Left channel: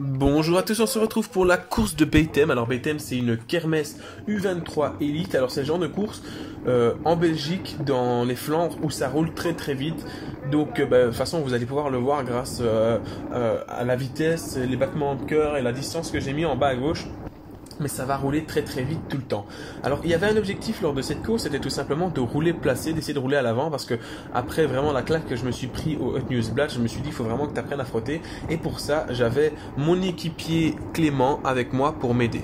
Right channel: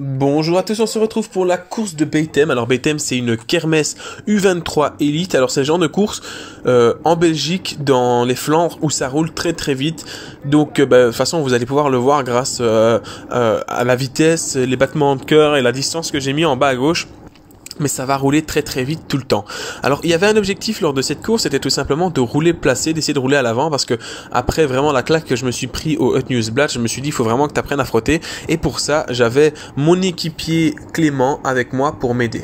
Bonjour à tous, on se retrouve pour la course de Beitem. Alors Beitem, c'est une kermesse U23 Elite. Alors c'est le genre de course en Belgique, dans les Flandres, où ça roule très très vite. Donc de toute façon vous allez pouvoir le voir grâce à la vitesse, les battements de cœur et la distance que j'ai mis en bas à gauche. Mais ça va rouler très très vite tout le temps. Alors il y avait un objectif lors de cette course, c'était tout simplement de rouler placé, d'essayer de rouler à l'avant, parce que après vraiment la claque que je me suis pris au Hut Newsblad, je me suis dit il faut vraiment que tu apprennes à frotter, et pour ça j'avais mon équipier Clément avec moi pour m'aider.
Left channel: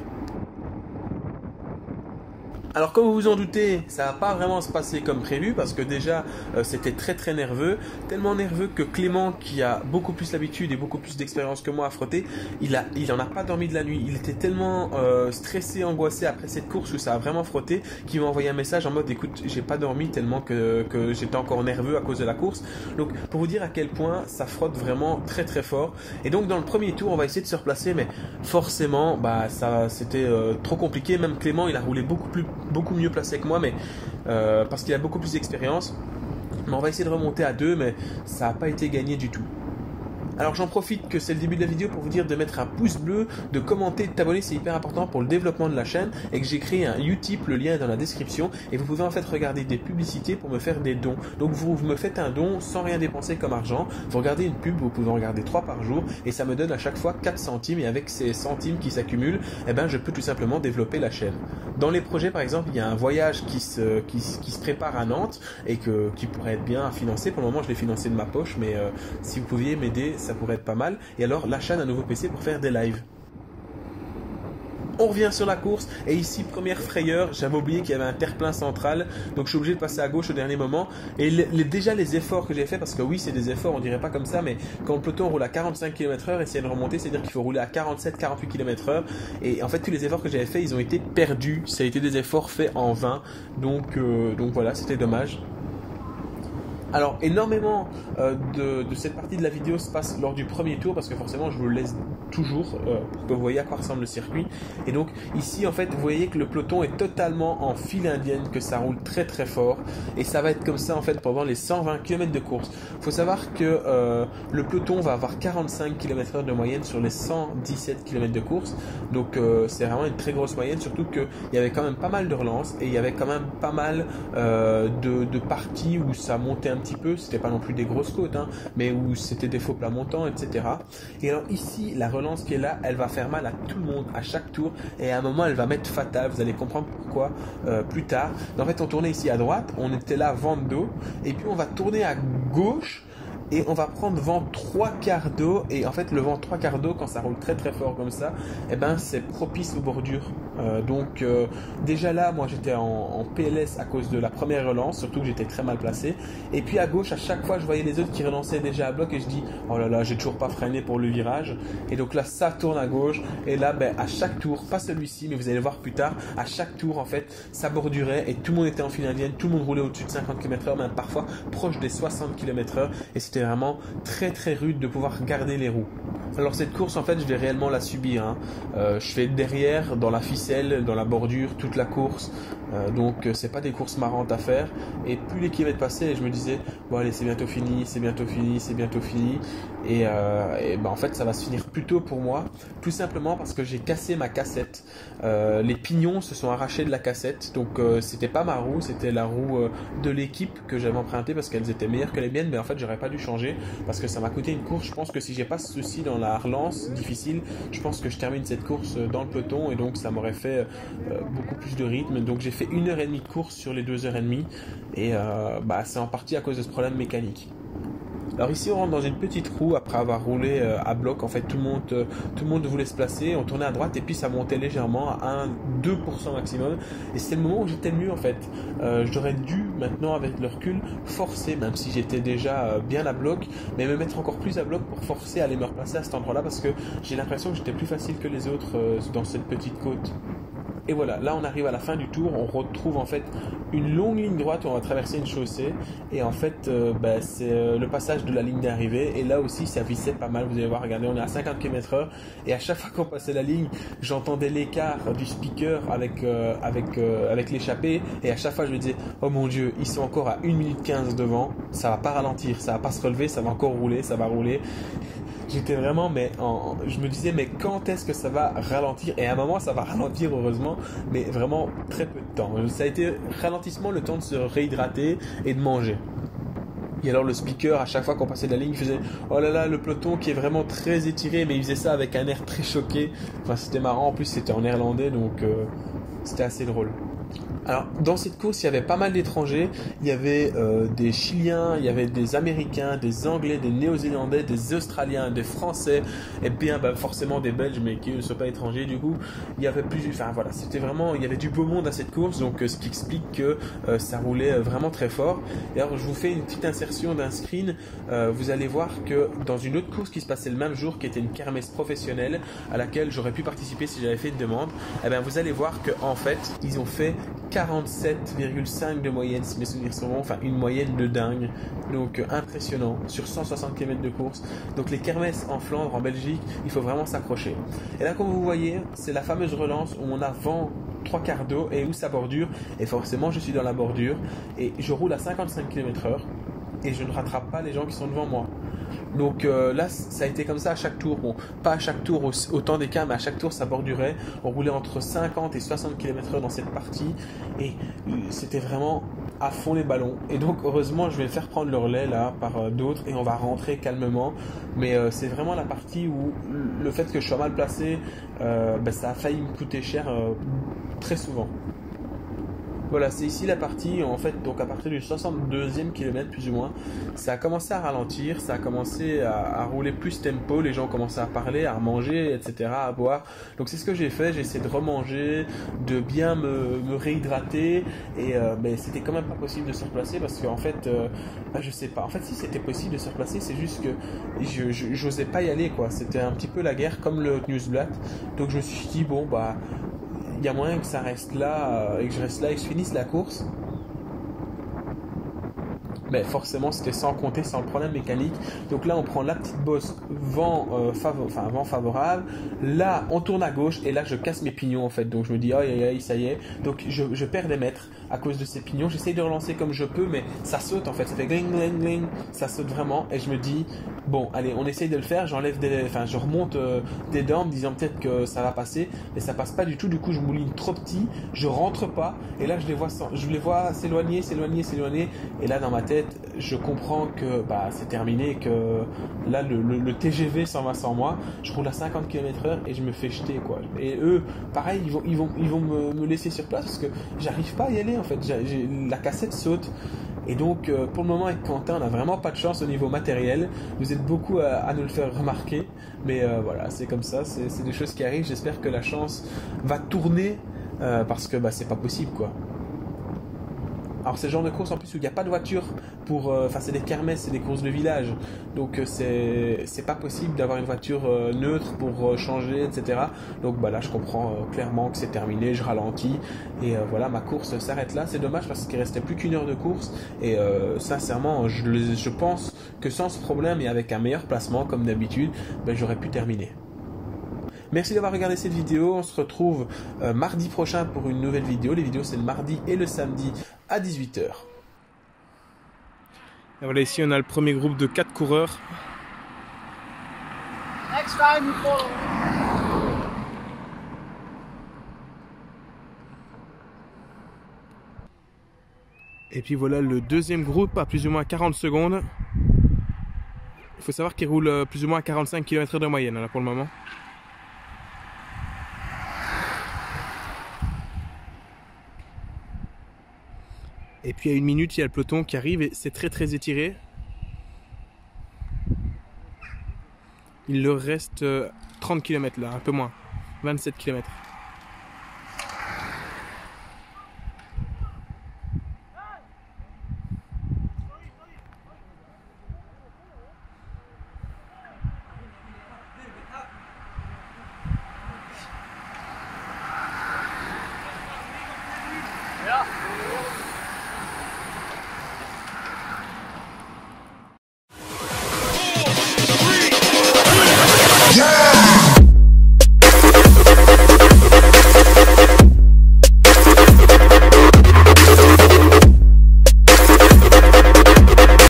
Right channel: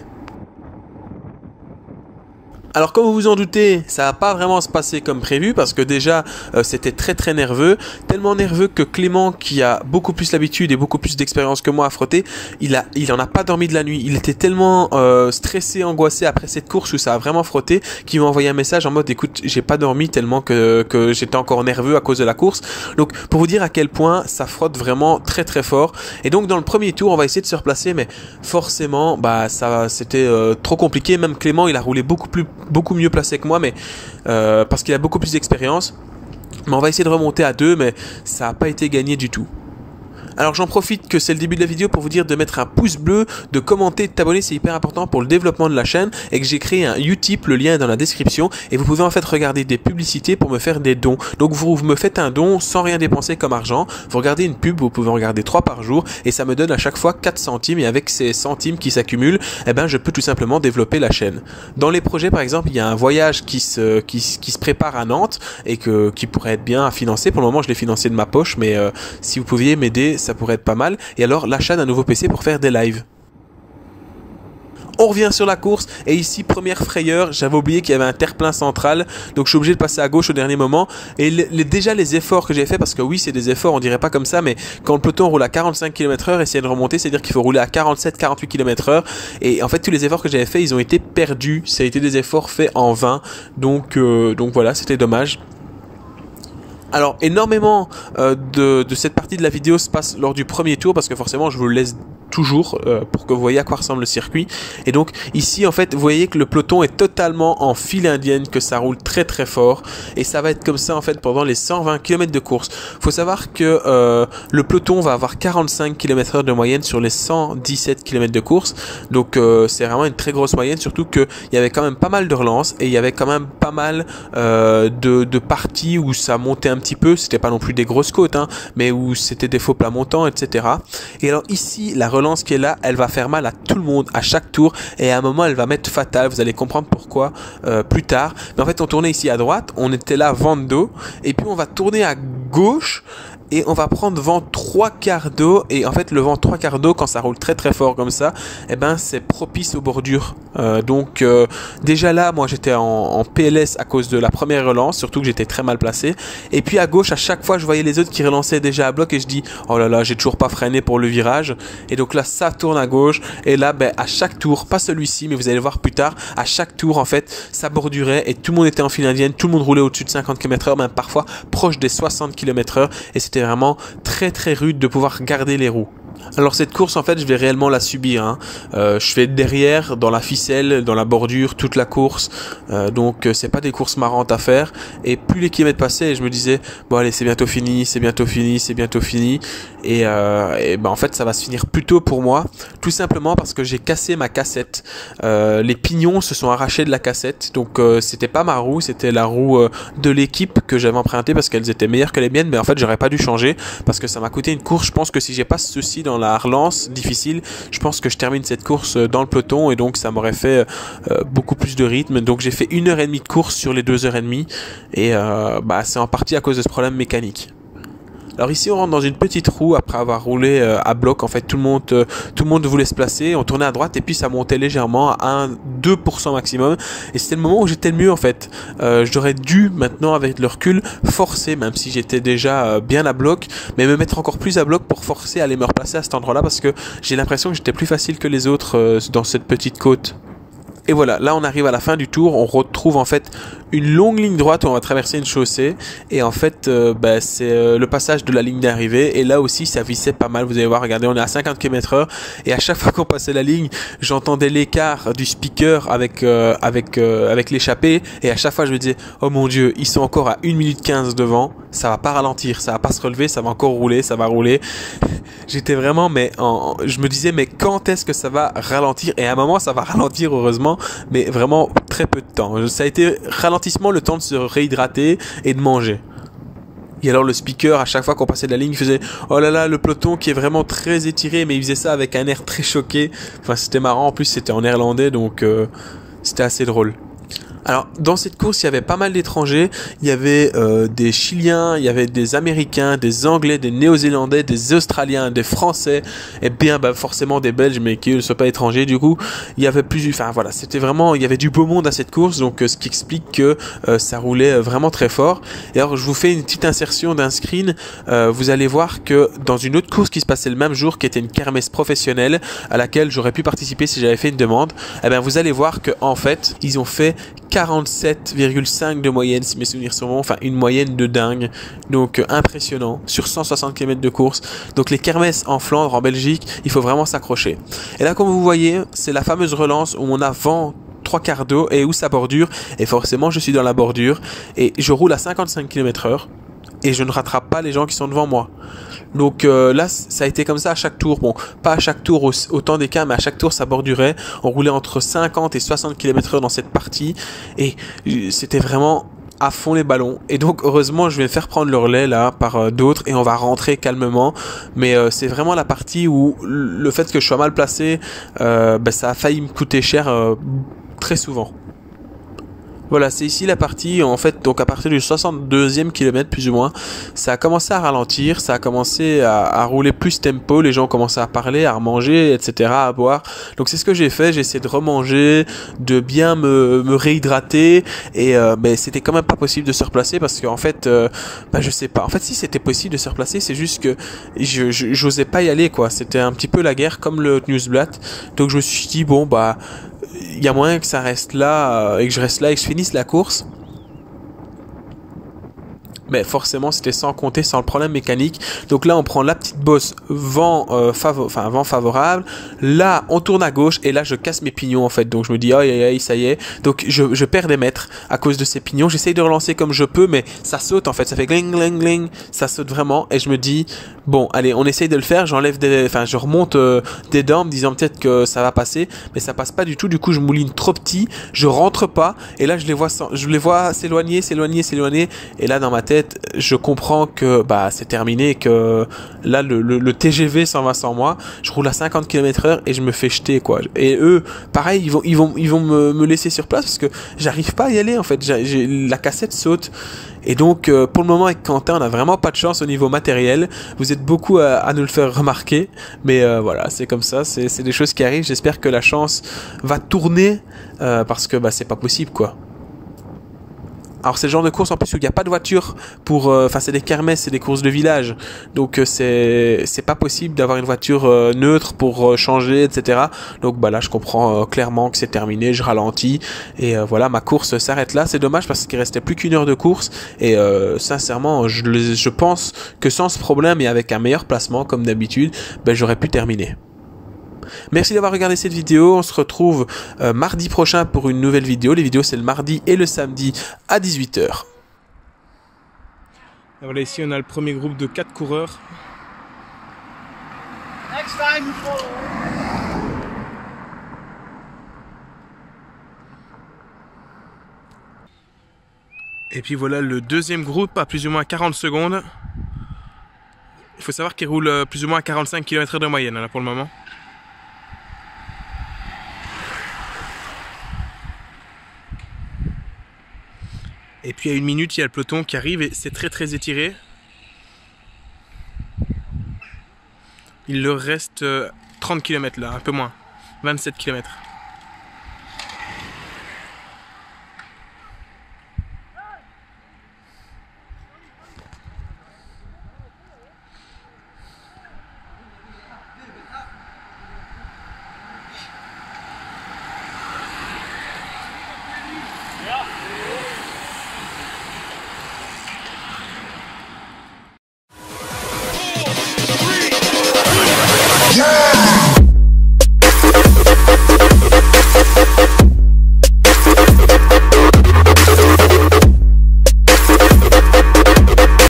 Alors comme vous vous en doutez, ça va pas vraiment se passer comme prévu parce que déjà c'était très très nerveux, tellement nerveux que Clément, qui a beaucoup plus l'habitude et beaucoup plus d'expérience que moi à frotter, il en a pas dormi de la nuit. Il était tellement stressé, angoissé après cette course où ça a vraiment frotté, qu'il m'a envoyé un message en mode écoute, j'ai pas dormi tellement que j'étais encore nerveux à cause de la course. Donc pour vous dire à quel point ça frotte vraiment très très fort. Et donc dans le premier tour on va essayer de se replacer, mais forcément ça c'était trop compliqué. Même Clément il a roulé beaucoup mieux placé que moi, mais parce qu'il a beaucoup plus d'expérience. Mais on va essayer de remonter à 2, mais ça n'a pas été gagné du tout. Alors j'en profite que c'est le début de la vidéo pour vous dire de mettre un pouce bleu, de commenter, de t'abonner, c'est hyper important pour le développement de la chaîne, et que j'ai créé un Utip, le lien est dans la description, et vous pouvez en fait regarder des publicités pour me faire des dons. Donc vous me faites un don sans rien dépenser comme argent, vous regardez une pub, vous pouvez en regarder 3 par jour, et ça me donne à chaque fois 4 centimes, et avec ces centimes qui s'accumulent, eh ben je peux tout simplement développer la chaîne. Dans les projets par exemple, il y a un voyage qui se prépare à Nantes, et qui pourrait être bien à financer. Pour le moment je l'ai financé de ma poche, mais si vous pouviez m'aider, ça pourrait être pas mal. Et alors l'achat d'un nouveau PC pour faire des lives. On revient sur la course, et ici première frayeur, j'avais oublié qu'il y avait un terre-plein central, donc je suis obligé de passer à gauche au dernier moment. Et déjà les efforts que j'ai fait, parce que oui c'est des efforts, on dirait pas comme ça, mais quand le peloton roule à 45 km/h, essayer de remonter, c'est à dire qu'il faut rouler à 47-48 km/h, et en fait tous les efforts que j'avais fait, ils ont été perdus, ça a été des efforts faits en vain, donc voilà, c'était dommage. Alors énormément de cette partie de la vidéo se passe lors du premier tour, parce que forcément je vous le laisse toujours pour que vous voyez à quoi ressemble le circuit. Et donc ici en fait vous voyez que le peloton est totalement en file indienne, que ça roule très très fort, et ça va être comme ça en fait pendant les 120 km de course. Faut savoir que le peloton va avoir 45 km/h de moyenne sur les 117 km de course, donc c'est vraiment une très grosse moyenne, surtout qu'il y avait quand même pas mal de relances, et il y avait quand même pas mal de parties où ça montait un petit peu, c'était pas non plus des grosses côtes, hein, mais où c'était des faux plats montants, etc. Et alors ici, la relance qui est là, elle va faire mal à tout le monde à chaque tour, et à un moment elle va mettre fatale, vous allez comprendre pourquoi plus tard. Mais en fait on tournait ici à droite, on était là vent d'eau, et puis on va tourner à gauche, et on va prendre vent 3/4 d'eau. Et en fait le vent 3/4 d'eau, quand ça roule très très fort comme ça, eh ben c'est propice aux bordures. Donc déjà là moi j'étais en PLS à cause de la première relance, surtout que j'étais très mal placé. Et puis à gauche, à chaque fois je voyais les autres qui relançaient déjà à bloc, et je dis oh là là, j'ai toujours pas freiné pour le virage. Et donc là ça tourne à gauche, et là à chaque tour, pas celui-ci mais vous allez voir plus tard, à chaque tour en fait ça bordurait, et tout le monde était en file indienne, tout le monde roulait au-dessus de 50 km/h, même parfois proche des 60 km/h, et c'était vraiment très très rude de pouvoir garder les roues. Alors cette course en fait je vais réellement la subir, hein. Je vais être derrière dans la ficelle, dans la bordure toute la course, donc c'est pas des courses marrantes à faire. Et plus les kilomètres passaient, je me disais bon allez, c'est bientôt fini, c'est bientôt fini, c'est bientôt fini, et en fait ça va se finir plus tôt pour moi, tout simplement parce que j'ai cassé ma cassette. Les pignons se sont arrachés de la cassette, donc c'était pas ma roue, c'était la roue de l'équipe que j'avais empruntée parce qu'elles étaient meilleures que les miennes, mais en fait j'aurais pas dû changer parce que ça m'a coûté une course. Je pense que si j'ai pas ce souci dans la relance difficile, je pense que je termine cette course dans le peloton, et donc ça m'aurait fait beaucoup plus de rythme. Donc j'ai fait 1h30 de course sur les 2h30, et c'est en partie à cause de ce problème mécanique. Alors ici on rentre dans une petite roue après avoir roulé à bloc. En fait tout le monde voulait se placer, on tournait à droite, et puis ça montait légèrement à 2% maximum, et c'était le moment où j'étais le mieux en fait. J'aurais dû maintenant avec le recul forcer, même si j'étais déjà bien à bloc, mais me mettre encore plus à bloc pour forcer à aller me replacer à cet endroit là, parce que j'ai l'impression que j'étais plus facile que les autres dans cette petite côte. Et voilà, là on arrive à la fin du tour, on retrouve en fait une longue ligne droite où on va traverser une chaussée et en fait c'est le passage de la ligne d'arrivée et là aussi ça vissait pas mal, vous allez voir, regardez, on est à 50 km/h et à chaque fois qu'on passait la ligne, j'entendais l'écart du speaker avec l'échappée et à chaque fois je me disais oh mon dieu, ils sont encore à 1 minute 15 devant, ça va pas ralentir, ça va pas se relever, ça va encore rouler, ça va rouler. J'étais vraiment, je me disais, mais quand est-ce que ça va ralentir? Et à un moment, ça va ralentir, heureusement, mais vraiment très peu de temps. Ça a été ralentissement, le temps de se réhydrater et de manger. Et alors le speaker, à chaque fois qu'on passait de la ligne, il faisait « Oh là là, le peloton qui est vraiment très étiré », mais il faisait ça avec un air très choqué. Enfin, c'était marrant, en plus c'était en néerlandais, donc c'était assez drôle. Alors, dans cette course, il y avait pas mal d'étrangers. Il y avait des Chiliens, il y avait des Américains, des Anglais, des Néo-Zélandais, des Australiens, des Français, et bien forcément des Belges, mais qui ne sont pas étrangers. Du coup, il y avait enfin voilà, c'était vraiment, il y avait du beau monde à cette course, donc ce qui explique que ça roulait vraiment très fort. Et alors, je vous fais une petite insertion d'un screen. Vous allez voir que dans une autre course qui se passait le même jour, qui était une kermesse professionnelle, à laquelle j'aurais pu participer si j'avais fait une demande, eh bien, vous allez voir que en fait, ils ont fait 47,5 de moyenne, si mes souvenirs sont bons, enfin une moyenne de dingue, donc impressionnant, sur 160 km de course. Donc les kermesses en Flandre, en Belgique, il faut vraiment s'accrocher. Et là, comme vous voyez, c'est la fameuse relance où on a vent 3/4 d'eau et où ça bordure, et forcément je suis dans la bordure, et je roule à 55 km/h, et je ne rattrape pas les gens qui sont devant moi. Donc là, ça a été comme ça à chaque tour. Bon, pas à chaque tour autant d'écart, mais à chaque tour, ça bordurait. On roulait entre 50 et 60 km/h dans cette partie. Et c'était vraiment à fond les ballons. Et donc, heureusement, je vais faire prendre le relais là par d'autres et on va rentrer calmement. Mais c'est vraiment la partie où le fait que je sois mal placé, ça a failli me coûter cher très souvent. Voilà, c'est ici la partie, en fait, donc à partir du 62e kilomètre plus ou moins, ça a commencé à ralentir, ça a commencé à rouler plus tempo, les gens ont commencé à parler, à manger, etc., à boire. Donc c'est ce que j'ai fait, j'ai essayé de remanger, de bien me réhydrater, et c'était quand même pas possible de se replacer parce qu'en fait, je sais pas, en fait si c'était possible de se replacer, c'est juste que j'osais pas y aller, quoi, c'était un petit peu la guerre comme le Newsblatt, donc je me suis dit, bon, il y a moyen que ça reste là et que je reste là et que je finisse la course. Mais forcément c'était sans compter sans le problème mécanique. Donc là on prend la petite bosse vent favorable. Là on tourne à gauche et là je casse mes pignons en fait. Donc je me dis aïe ça y est. Donc je perds des mètres à cause de ces pignons. J'essaye de relancer comme je peux mais ça saute en fait. Ça fait gling gling gling. Ça saute vraiment et je me dis bon allez on essaye de le faire. Je remonte des dents en me disant peut-être que ça va passer. Mais ça passe pas du tout. Du coup je mouline trop petit. Je rentre pas et là je les vois s'éloigner. Et là dans ma tête je comprends que c'est terminé, que là le TGV s'en va sans moi. Je roule à 50 km/h et je me fais jeter quoi. Et eux pareil ils vont me laisser sur place parce que j'arrive pas à y aller en fait. La cassette saute. Et donc pour le moment avec Quentin on a vraiment pas de chance au niveau matériel. Vous êtes beaucoup à nous le faire remarquer. Mais voilà c'est comme ça, c'est des choses qui arrivent. J'espère que la chance va tourner parce que c'est pas possible quoi. Alors c'est le genre de course en plus où il n'y a pas de voiture pour... c'est des kermesses, c'est des courses de village. Donc c'est pas possible d'avoir une voiture neutre pour changer, etc. Donc là je comprends clairement que c'est terminé, je ralentis. Et voilà, ma course s'arrête là. C'est dommage parce qu'il restait plus qu'1 heure de course. Et sincèrement, je pense que sans ce problème et avec un meilleur placement comme d'habitude, j'aurais pu terminer. Merci d'avoir regardé cette vidéo, on se retrouve mardi prochain pour une nouvelle vidéo. Les vidéos c'est le mardi et le samedi à 18 h. Et voilà, ici on a le premier groupe de 4 coureurs. Next time you follow. Et puis voilà le deuxième groupe à plus ou moins 40 secondes. Il faut savoir qu'il roule plus ou moins à 45 km/h de moyenne là pour le moment. Et puis à 1 minute, il y a le peloton qui arrive et c'est très étiré. Il leur reste 30 km là, un peu moins, 27 km.